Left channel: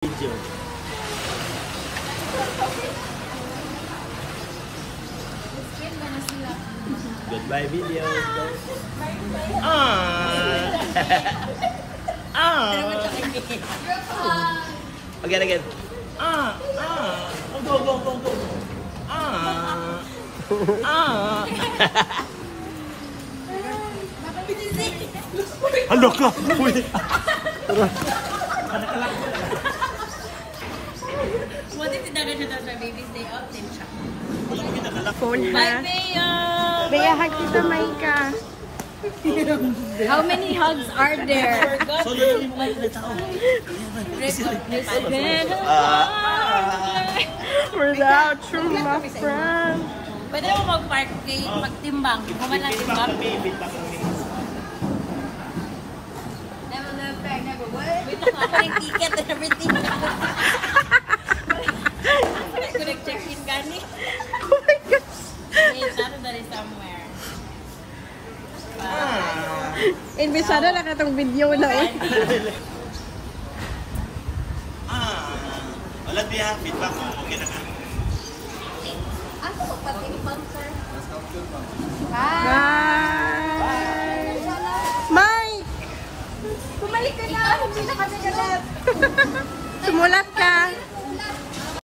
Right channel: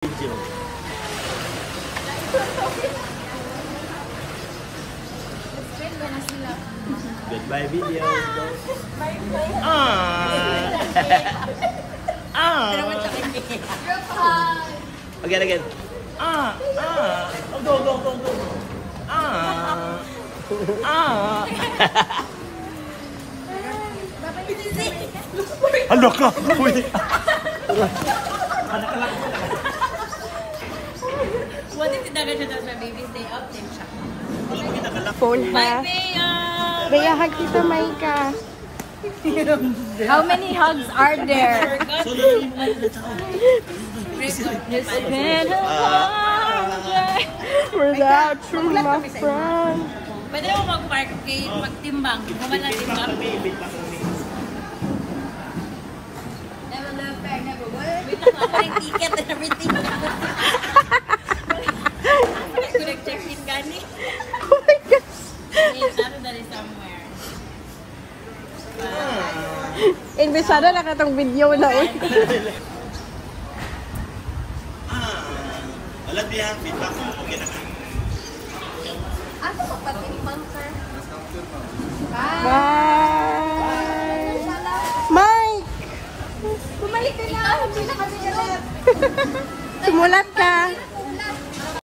Video. Goodbye video. Again. Ano ka? What if you don't have baby's day off? Phone Bye, na. Bea! Bea, hug kita, Maika. How many hugs are there? We're the true love friend. Pwede mo mag-park kay magtimbang. Kuman na timbang. Wait lang ako ng ticket and everything. Ako nag-check-in gani. Oh my gosh. Hey, Saturday somewhere. Imbisado na ka itong video na eh. Wala niya, feedback. Okay na ka. Ako magpatimbang, sir. Bye! Mike! Bumalik ka na! Hindi na kasi galit. Sumulat ka!